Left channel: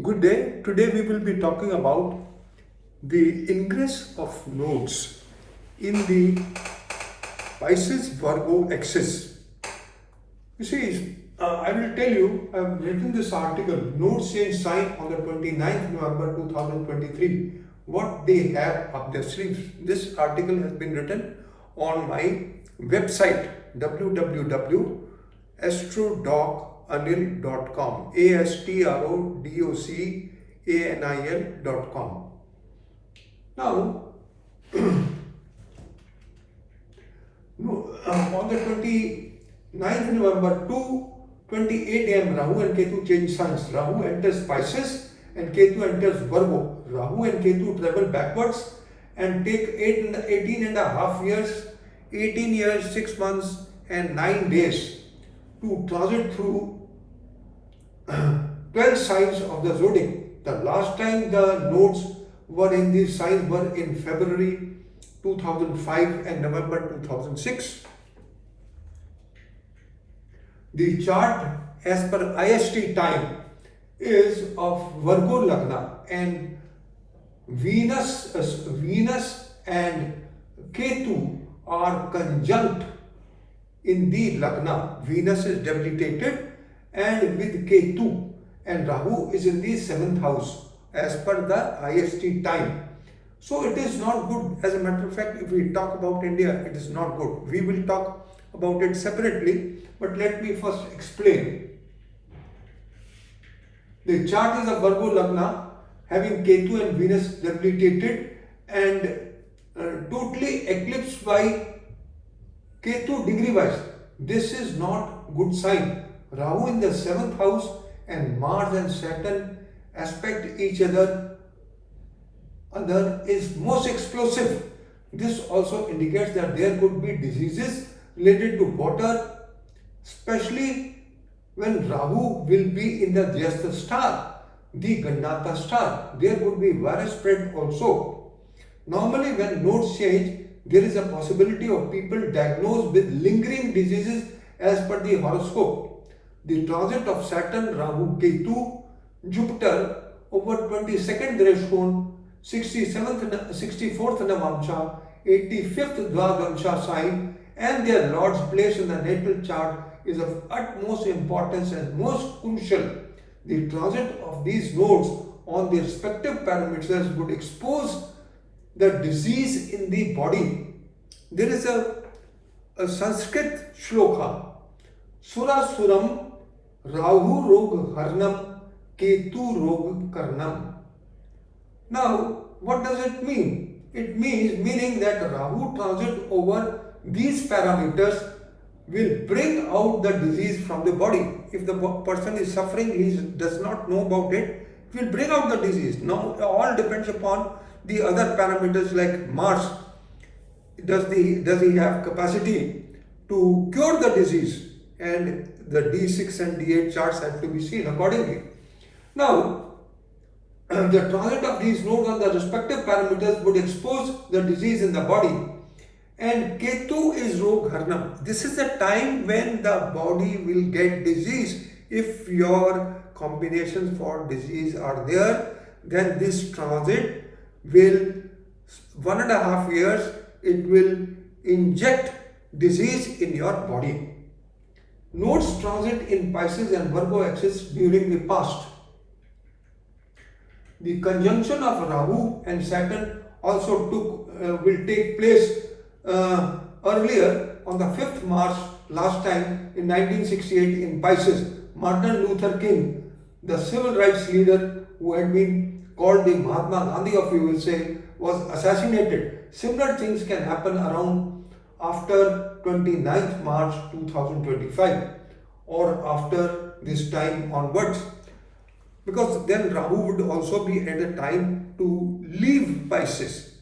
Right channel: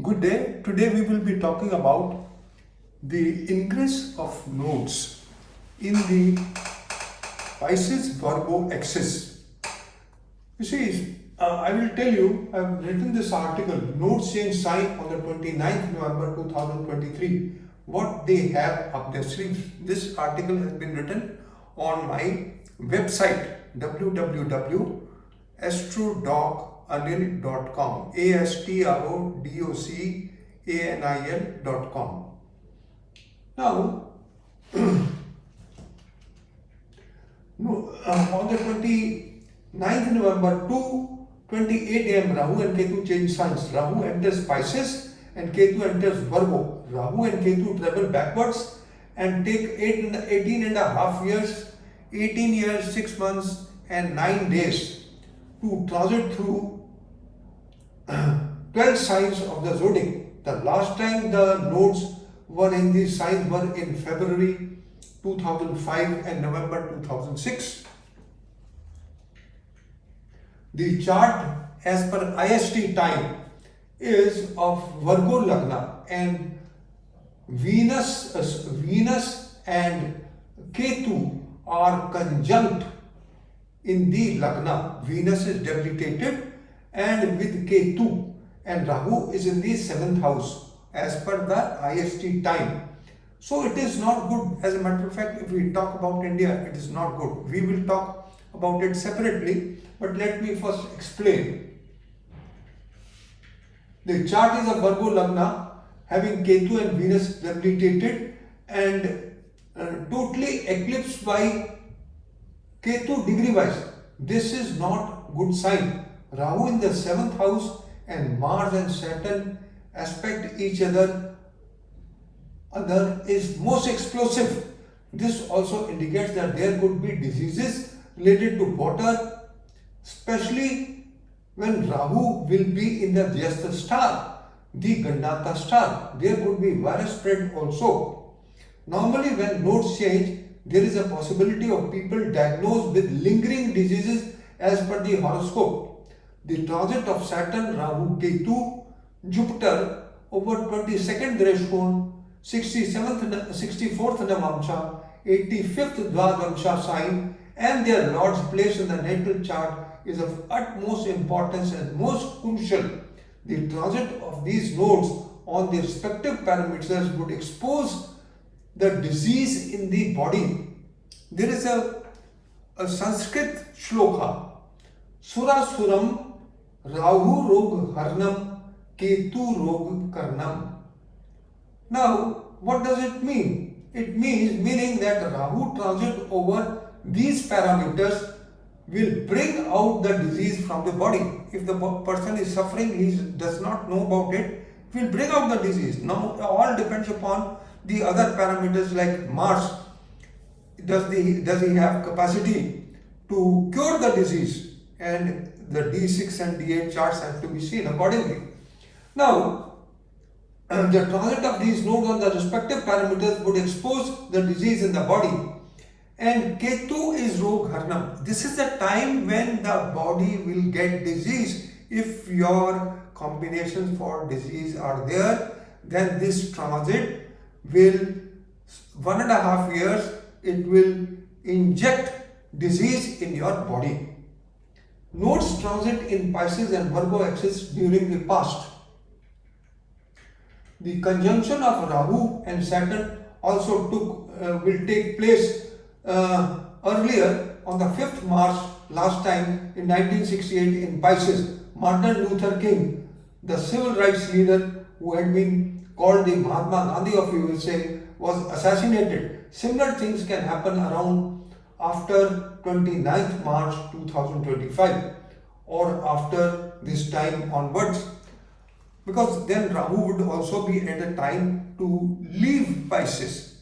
Good day. Today we will be talking about the ingress of nodes in the Pisces Virgo axis. You see, I will tell you, I have written this article, Nodes Change Sign on the 29th November 2023, what they have up their sleeves. This article has been written on my website www.astrodocanil.com, astrodocanil.com. Now, on the 29th November, 2:28 am, Rahu and Ketu change signs. Rahu enters Pisces and Ketu enters Virgo. Rahu and Ketu travel backwards and take 18 and a half years, 18 years, 6 months and 9 days to transit through 12 signs of the zodiac. The last time the nodes were in these signs were in February 2005 and November 2006. The chart as per IST time is of Virgo Lagna, and Venus and Ketu are conjunct in the Lagna. Venus is debilitated and with Ketu, and Rahu is in the 7th house as per the IST time. So it is not good. As a matter of fact, if we talk about India, it is not good. We will talk about it separately, but let me first explain. The chart is a Virgo Lagna having Ketu and Venus debilitated and totally eclipsed by Ketu degree wise. This is not good sign. Rahu in the 7th house and Mars and Saturn aspect each other is most explosive. This also indicates that there could be diseases related to water, especially when Rahu will be in the Jyeshtha star, the Gandhata star. There could be virus spread also. Normally when nodes change, there is a possibility of people diagnosed with lingering diseases as per the horoscope. The transit of Saturn, Rahu, Ketu, Jupiter over 22nd Greshkon, 64th Navamsha, 85th Dvadamsha sign and their Lord's place in the natal chart is of utmost importance and most crucial. The transit of these nodes on their respective parameters would expose the disease in the body. There is a Sanskrit shloka, Sura Suram Rahu Rog Harnam Ketu Rog Karnam. Now, what does it mean? It meaning that Rahu transit over these parameters will bring out the disease from the body. If the person is suffering, he does not know about it, it will bring out the disease. Now, all depends upon the other parameters like Mars. Does he have capacity to cure the disease? And the D6 and D8 charts have to be seen accordingly. Now, the transit of these nodes on the respective parameters would expose the disease in the body. And Ketu is Rog Harnam. This is the time when the body will get disease. If your combinations for disease are there, then this transit will, 1.5 years, it will inject disease in your body. Nodes transit in Pisces and Virgo axis during the past. The conjunction of Rahu and Saturn also will take place earlier on the 5th March last time in 1968 in Pisces. Martin Luther King, the civil rights leader who had been called the Mahatma Gandhi of you will say, was assassinated. Similar things can happen around after 29th March 2025 or after this time onwards. Because then Rahu would also be at a time to leave Pisces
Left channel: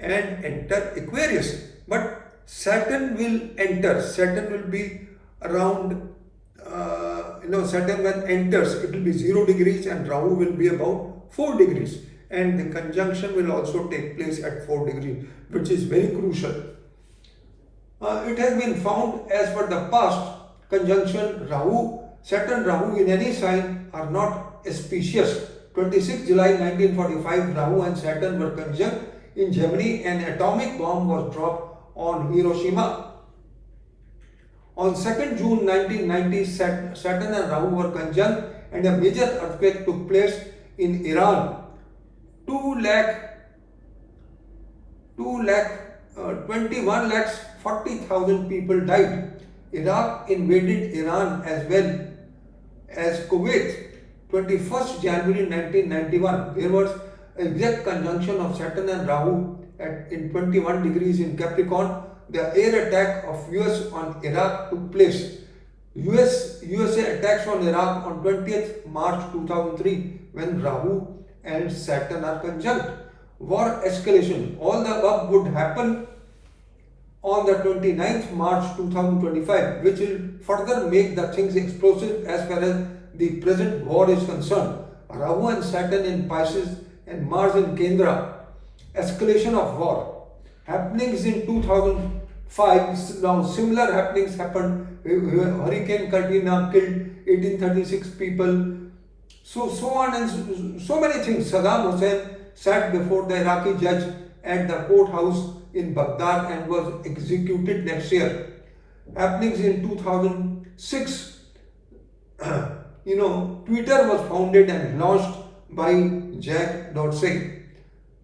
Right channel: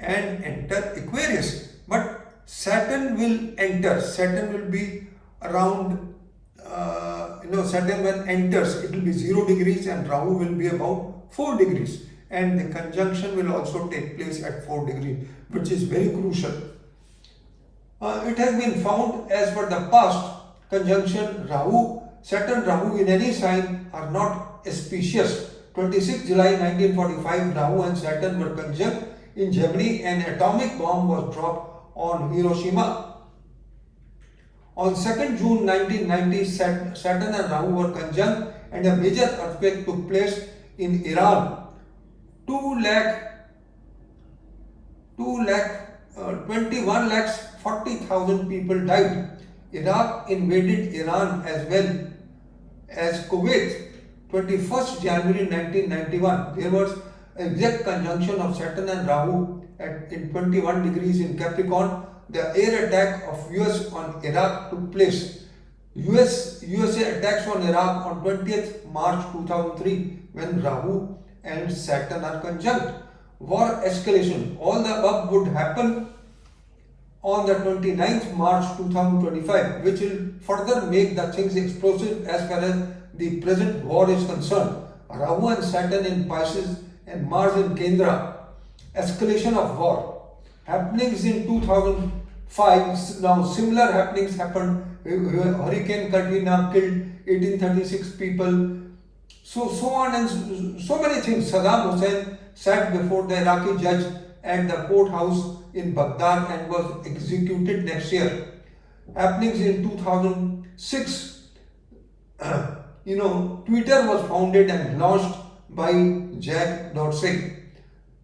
and enter Aquarius. But Saturn will enter. Saturn will be around, Saturn when enters, it will be 0 degrees and Rahu will be about 4 degrees. And the conjunction will also take place at 4 degrees, which is very crucial. It has been found as per the past conjunction Rahu Saturn, Rahu in any sign are not auspicious. 26 July 1945, Rahu and Saturn were conjunct in Germany. An atomic bomb was dropped on Hiroshima. On 2nd June 1990, Saturn and Rahu were conjunct and a major earthquake took place in Iran. 21 lakhs 40,000 people died. Iraq invaded Iran as well as Kuwait. 21st January 1991, there was exact conjunction of Saturn and Rahu in 21 degrees in Capricorn. The air attack of US on Iraq took place. USA attacks on Iraq on 20th March 2003 when Rahu and Saturn are conjunct. War escalation. All the above would happen on the 29th March 2025, which will further make the things explosive as far as the present war is concerned. Rahu and Saturn in Pisces and Mars in Kendra. Escalation of war. Happenings in 2005, now similar happenings happened. Hurricane Katrina killed 1836 people. So on and so many things. Saddam Hussein sat before the Iraqi judge at the courthouse in Baghdad and was executed next year. Happenings in 2006, Twitter was founded and launched by Jack Dorsey.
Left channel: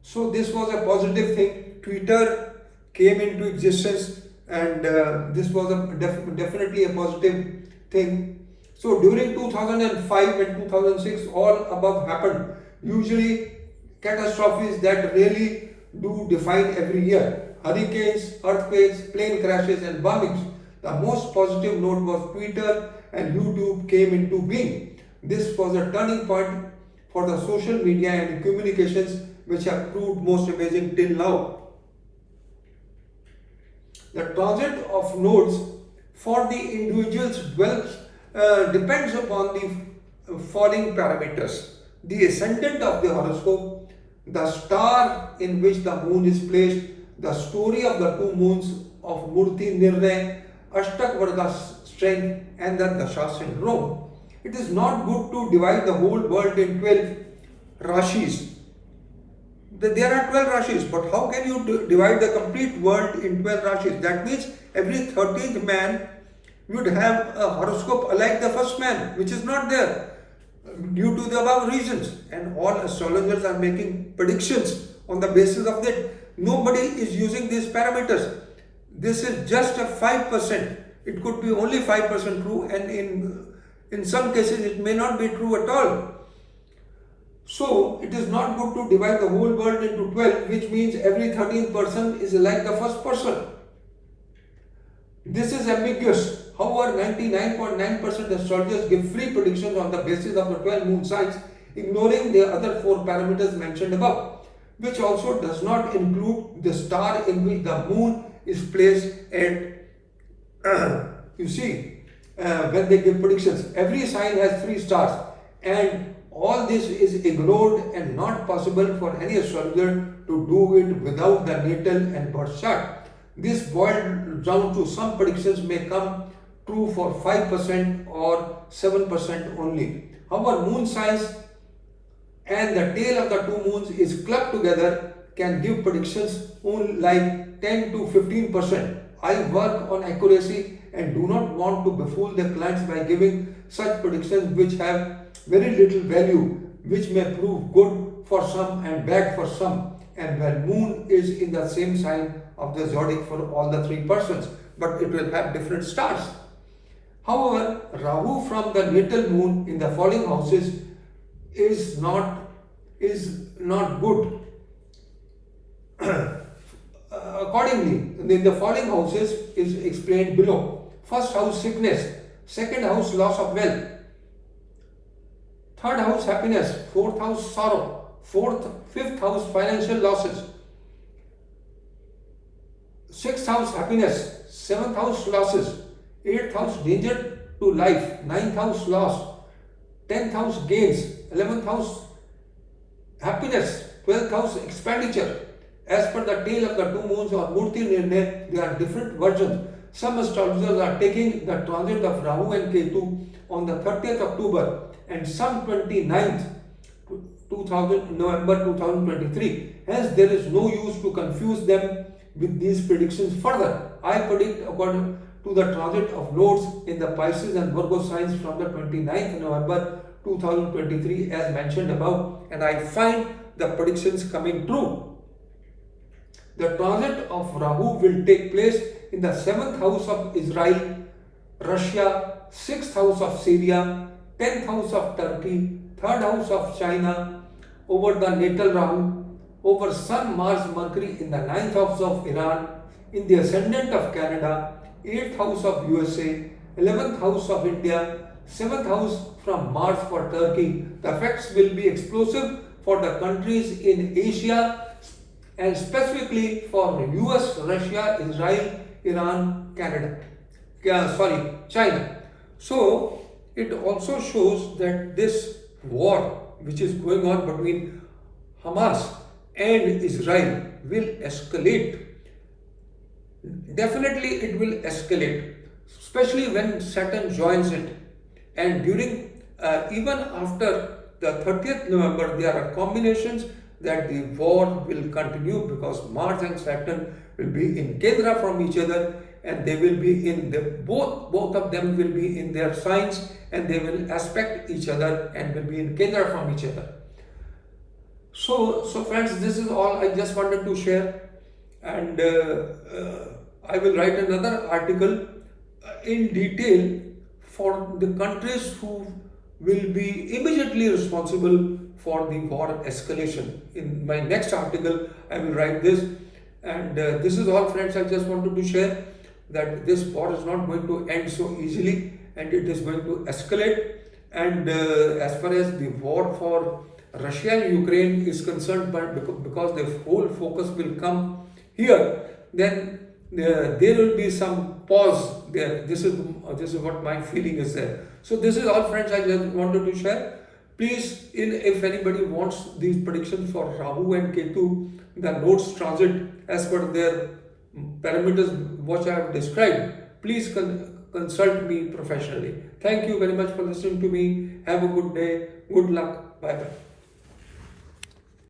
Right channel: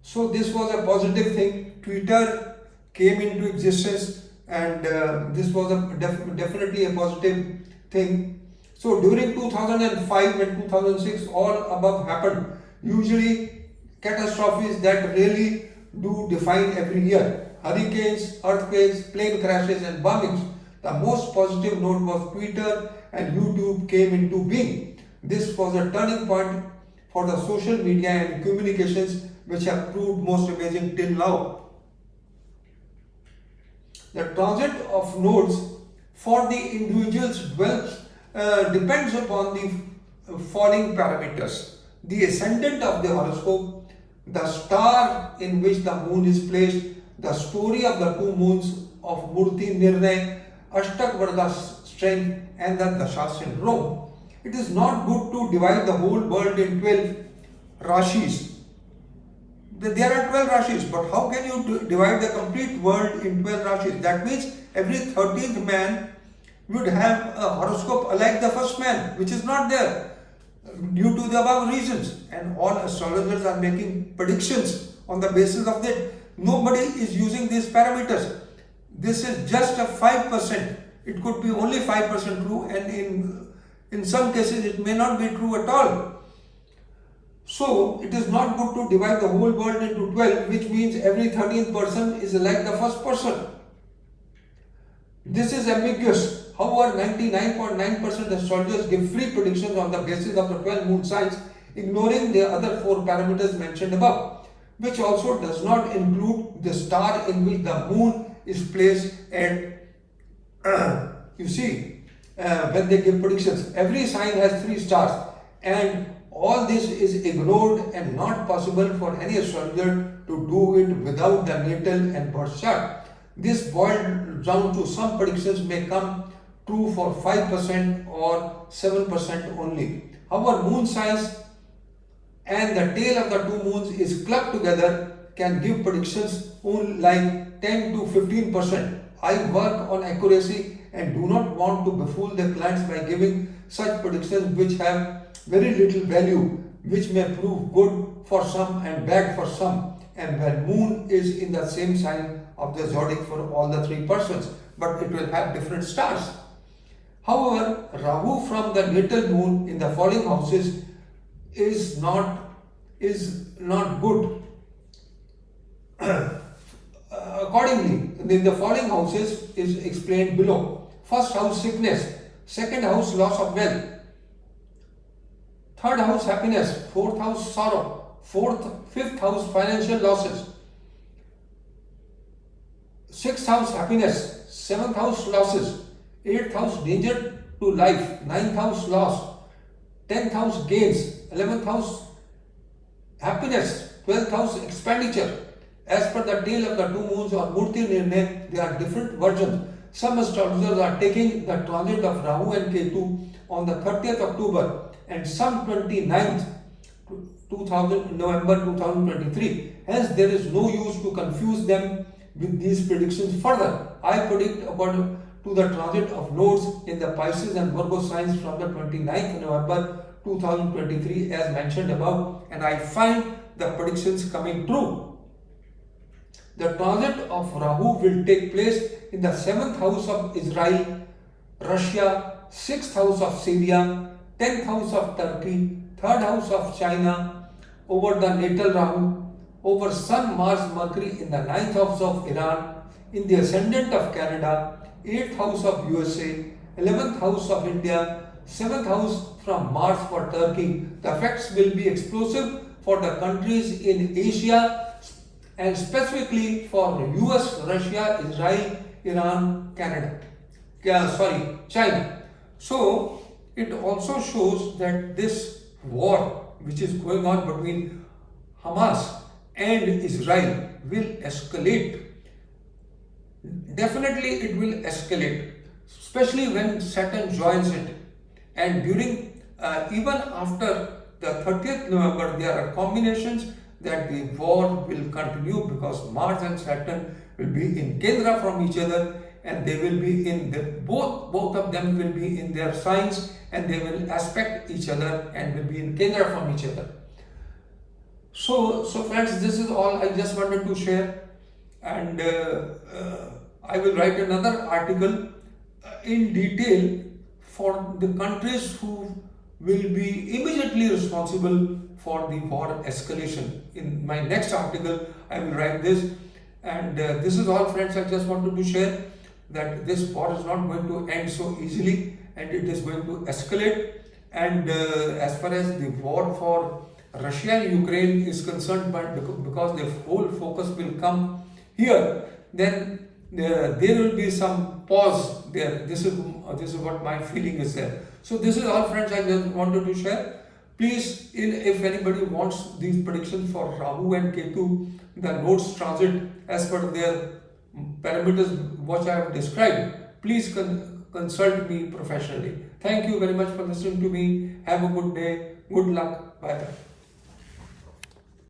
So this was a positive thing. Twitter came into existence and this was definitely a positive thing. So during 2005 and 2006, all above happened. Usually catastrophes that really do define every year. Hurricanes, earthquakes, plane crashes and bombings. The most positive note was Twitter and YouTube came into being. This was a turning point for the social media and communications which have proved most amazing till now. The transit of nodes for the individuals depends upon the following parameters. The ascendant of the horoscope, the star in which the moon is placed, the story of the two moons of Murti Nirnay, Ashtak Varga strength and the Dasha syndrome. It is not good to divide the whole world in 12 Rashis. There are 12 Rashis, but how can you divide the complete world in 12 Rashis? That means every 13th man would have a horoscope like the first man, which is not there due to the above reasons. And all astrologers are making predictions on the basis of that. Nobody is using these parameters. This is just a 5%. It could be only 5% true, and in some cases it may not be true at all. So it is not good to divide the whole world into 12, which means every 13th person is like the first person. This is ambiguous. However, 99.9% astrologers give free predictions on the basis of the 12 moon signs, ignoring the other 4 parameters mentioned above, which also does not include the star in which the moon is placed at, when they give predictions. Every sign has 3 stars, and all this is ignored and not possible for any astrologer to do it without the natal and birth chart. This boiled down to some predictions may come true for 5% or 7% only. However, moon signs and the tail of the 2 moons is clubbed together can give predictions only like 10 to 15%. I work on accuracy and do not want to befool the clients by giving such predictions which have very little value, which may prove good for some and bad for some, and where moon is in the same sign of the zodiac for all the 3 persons, but it will have different stars. However, Rahu from the natal moon in the falling houses is not good. Accordingly, the falling houses is explained below. First house, sickness. Second house, loss of wealth. Third house, happiness. Fourth house, sorrow. Fifth house, financial losses. Sixth house, happiness. Seventh house, losses. Eighth house, danger to life. Ninth house, loss. 10th house, gains. 11th house, happiness. 12th house, expenditure. As per the tale of the 2 moons or Murti Nirnay, there are different versions. some astrologers are taking the transit of Rahu and Ketu on the 30th October and some 29th November 2023. Hence, there is no use to confuse them with these predictions further. I predict according to the transit of nodes in the Pisces and Virgo signs from the 29th November 2023 as mentioned above, and I find the predictions coming true. The transit of Rahu will take place in the 7th house of Israel, Russia, 6th house of Syria, 10th house of Turkey, 3rd house of China, over the natal Rahu, over Sun, Mars, Mercury in the 9th house of Iran, in the ascendant of Canada, 8th house of USA, 11th house of India, 7th house from Mars for Turkey. The effects will be explosive for the countries in Asia and specifically for US, Russia, Israel, Iran, China. So it also shows that this war which is going on between Hamas and Israel will escalate. Definitely it will escalate, especially when Saturn joins it. And during, even after the 30th November, there are combinations that the war will continue because Mars and Saturn will be in Kendra from each other, and they will be in the both of them will be in their signs, and they will aspect each other and will be in Kendra from each other. So friends, this is all I just wanted to share, and I will write another article in detail for the countries who will be immediately responsible for the war escalation. In my next article, I will write this. And this is all, friends. I just wanted to share that this war is not going to end so easily, and it is going to escalate. And as far as the war for Russia and Ukraine is concerned, but because the whole focus will come here, then there will be some pause there. This is what my feeling is there. So this is all, friends. I just wanted to share. Please, if anybody wants these predictions for Rahu and Ketu, the nodes transit as per their parameters which I have described, please consult me professionally. Thank you very much for listening to me. Have a good day. Good luck. Bye bye.